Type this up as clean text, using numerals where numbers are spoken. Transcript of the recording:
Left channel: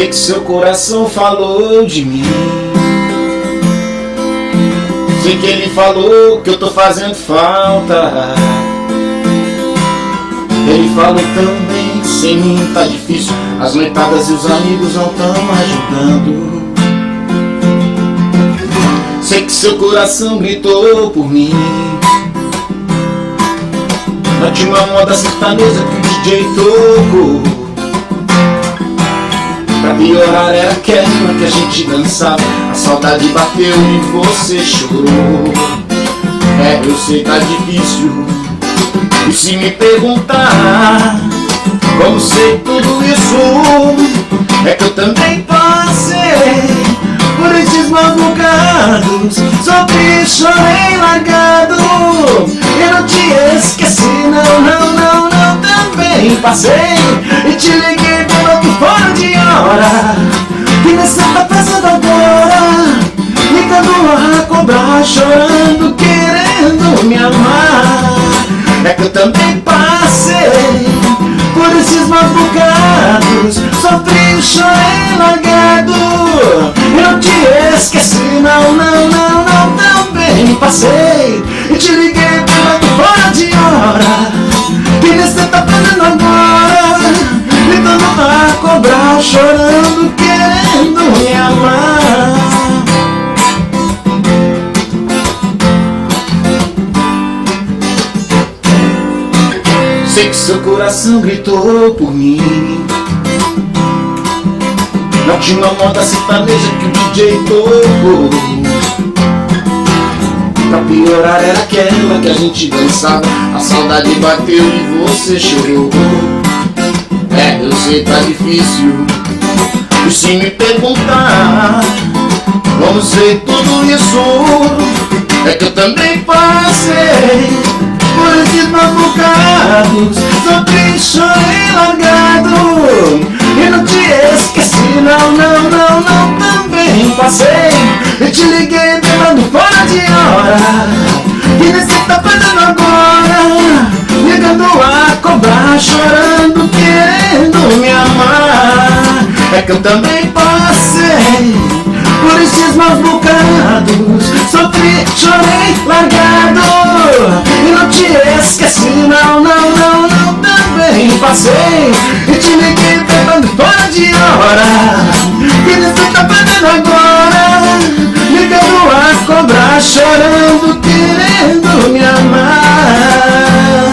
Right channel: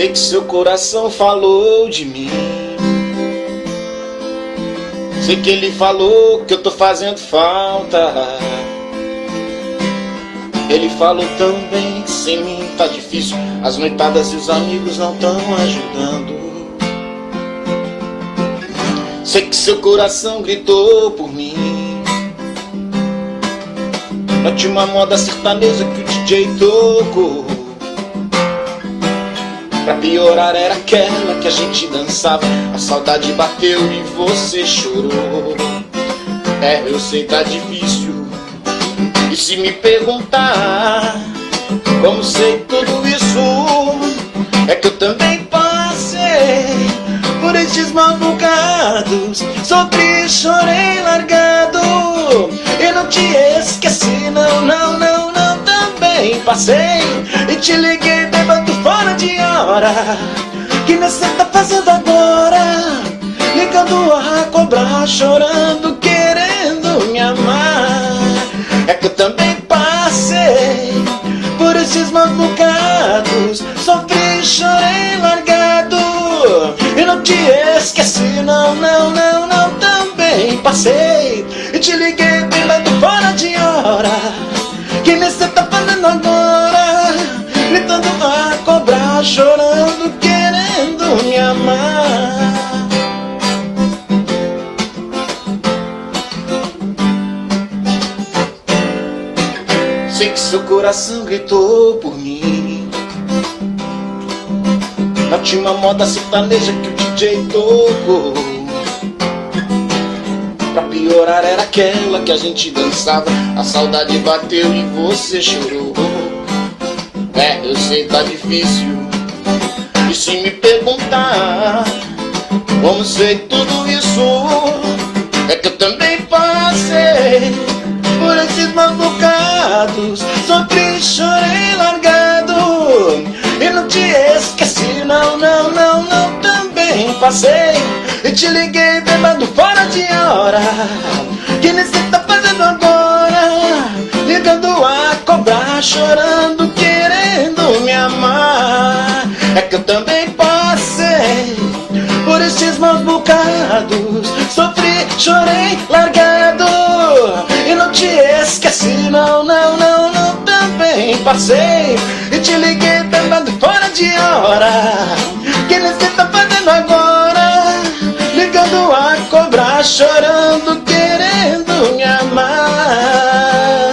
Sei que seu coração falou de mim. Sei que ele falou que eu tô fazendo falta. Ele falou também que sem mim tá difícil. As noitadas e os amigos não tão ajudando. Sei que seu coração gritou por mim. Na última moda sertaneja que o DJ tocou. Pra piorar era aquela que a gente dançava. A saudade bateu e você chorou. É, eu sei que tá difícil. E se me perguntar como sei tudo isso, é que eu também passei por esses maus bocados. Sofri, chorei largado. Eu não te esqueci, não, também passei. E te liguei pelo fora de hora. Que você tá passando agora, ligando a cobrar, chorando, querendo me amar. É que eu também passei por esses maus bocados. Sofri, chorei largado. Eu não te esqueci, não, também passei. E te liguei pela fora de hora. Que você tá fazendo agora, gritando a cobrar, chorando, querendo me amar. Sei que seu coração gritou por mim. Na última moda sertaneja que o DJ tocou. Pra piorar era aquela que a gente dançava. A saudade bateu e você chorou. É, eu sei que tá difícil. E se me perguntar como sei tudo isso, é que eu também passei por esses maus bocados. Sofri, chorei largado. Eu não te esqueci, não, também passei. E te liguei pegando fora de hora. E você tá fazendo agora, ligando a cobrar, chorando, querendo me amar. É que eu também passei por esses maus bocados. Sofri, chorei largado. E não te esqueci, não, também passei. E te liguei pegando fora de hora. E você tá fazendo agora, ligando a cobrar, chorando, querendo me amar.